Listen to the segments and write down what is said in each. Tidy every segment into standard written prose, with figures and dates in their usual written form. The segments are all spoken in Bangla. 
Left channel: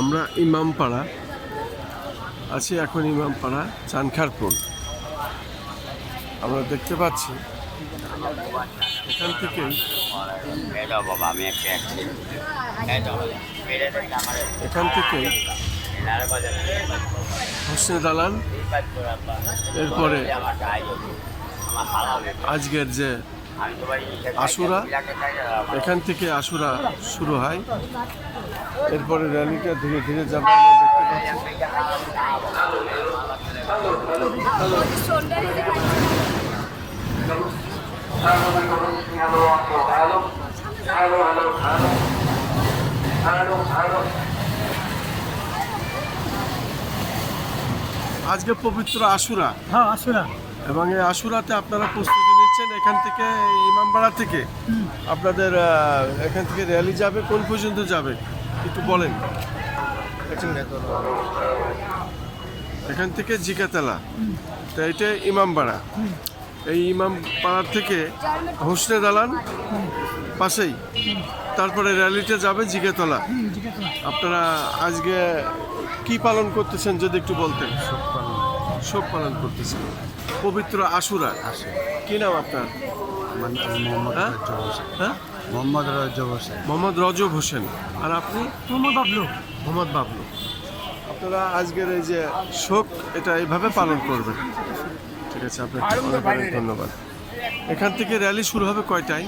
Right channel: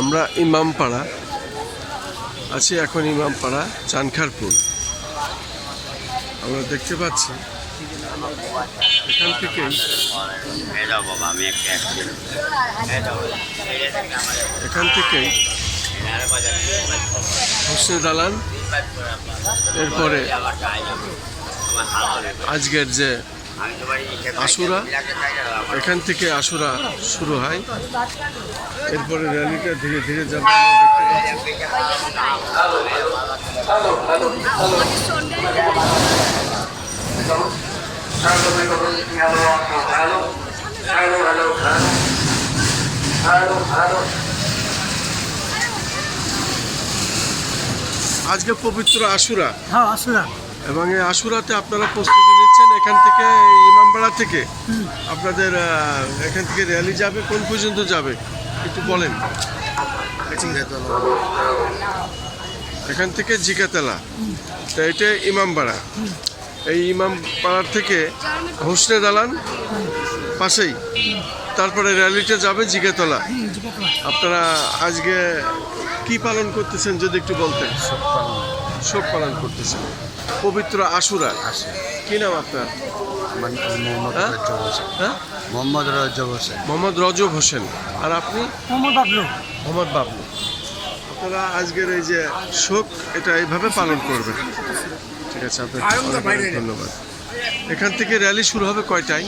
আমরা ইমামপাড়া আছি এখন, ইমামপাড়া চানখারপুল। আমরা দেখতে পাচ্ছি এখান থেকেই হোসনে দালান, এরপরে আজকের যে আশুরা, এখান থেকে আশুরা শুরু হয়, এরপরে র্যালিটা ধীরে ধীরে যাবে। আজকে পবিত্র আশুরা, হ্যাঁ আশুরা, এবং এই আশুরাতে আপনারা প্রস্তুতি নিচ্ছেন। এখান থেকে ইমামবাড়া থেকে আপনাদের এখান থেকে র্যালি যাবে, কোন পর্যন্ত যাবে একটু বলেন। এখান থেকে জিকাতলা, তো এটা ইমামবাড়া। এই ইমামপাড়ার থেকে হোসনে দালান পাশেই, তারপরে র্যালিটা যাবে জিকাতলা। আপনারা আজকে কি পালন করতেছেন যদি একটু বলতেন। শোক পালন করতেছেন পবিত্র আশুরার। কি নাম আপনার? মোহাম্মদ রজব হোসেন। আর আপনি? মোহাম্মদ বাবলু। আপনারা আজকের এই যে শোক, এটা এইভাবে পালন করবেন। ঠিক আছে, আপনাকে অনেক অনেক ধন্যবাদ। এখান থেকে র্যালি শুরু হবে কয়টায়?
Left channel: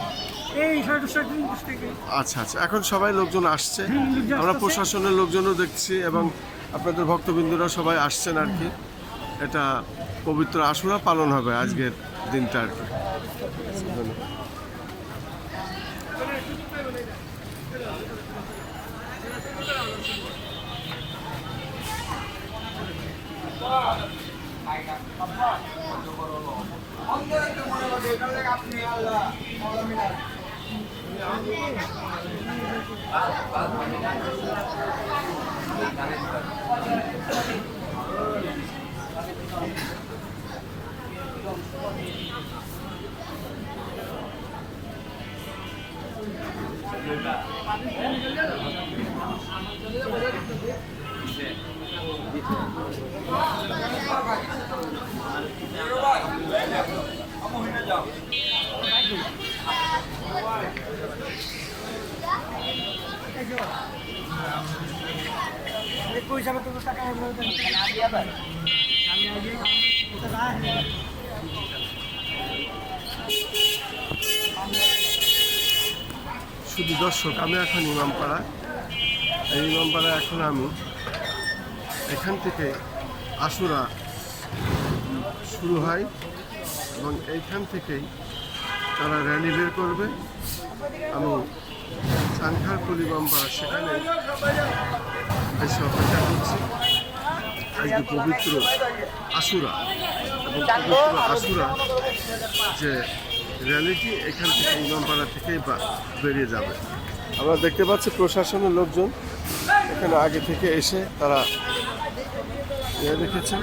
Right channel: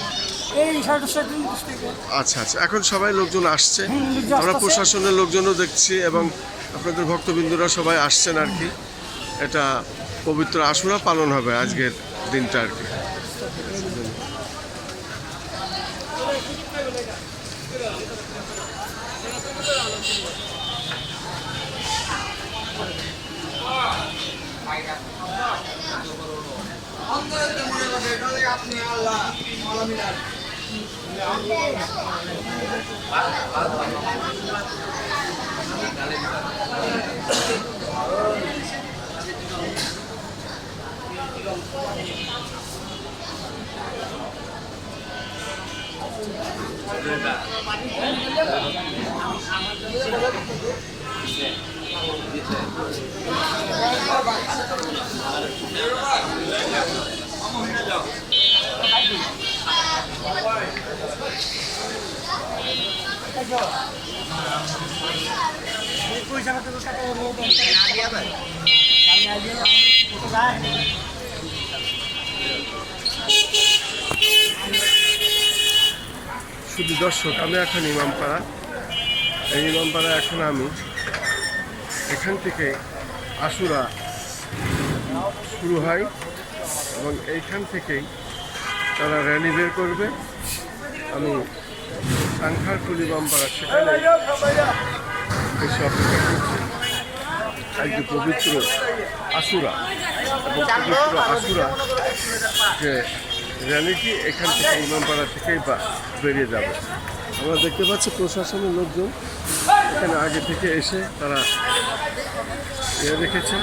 আচ্ছা আচ্ছা, এখন সবাই লোকজন আসছে, আমরা প্রশাসনের লোকজনও দেখছি, এবং আপনাদের ভক্তবৃন্দরা সবাই আসছেন আর কি। এটা পবিত্র আশুরা পালন হবে আজকের দিনটা আর কি। শুধু দর্শক, আমি এখন ইমামপাড়া। এই ইমামপাড়া এখন আমি এখান থেকে আশুরা শুরু হয়, এবং এইখান থেকেই তারা র্যালি বের করবে। আমি চানখারপুল ইমামপাড়া সেখানে এসে অপেক্ষা করছি। আজকে পবিত্র আশুরা, এবং পবিত্র আশুরা যে র্যালিটি এখান থেকে ইমামপাড়া থেকেই বেরিয়ে যাবে। আমরা দেখতে পাচ্ছি প্রশাসনের লোকজন এখানে আগে থেকে এসে তারা রেখেছেন।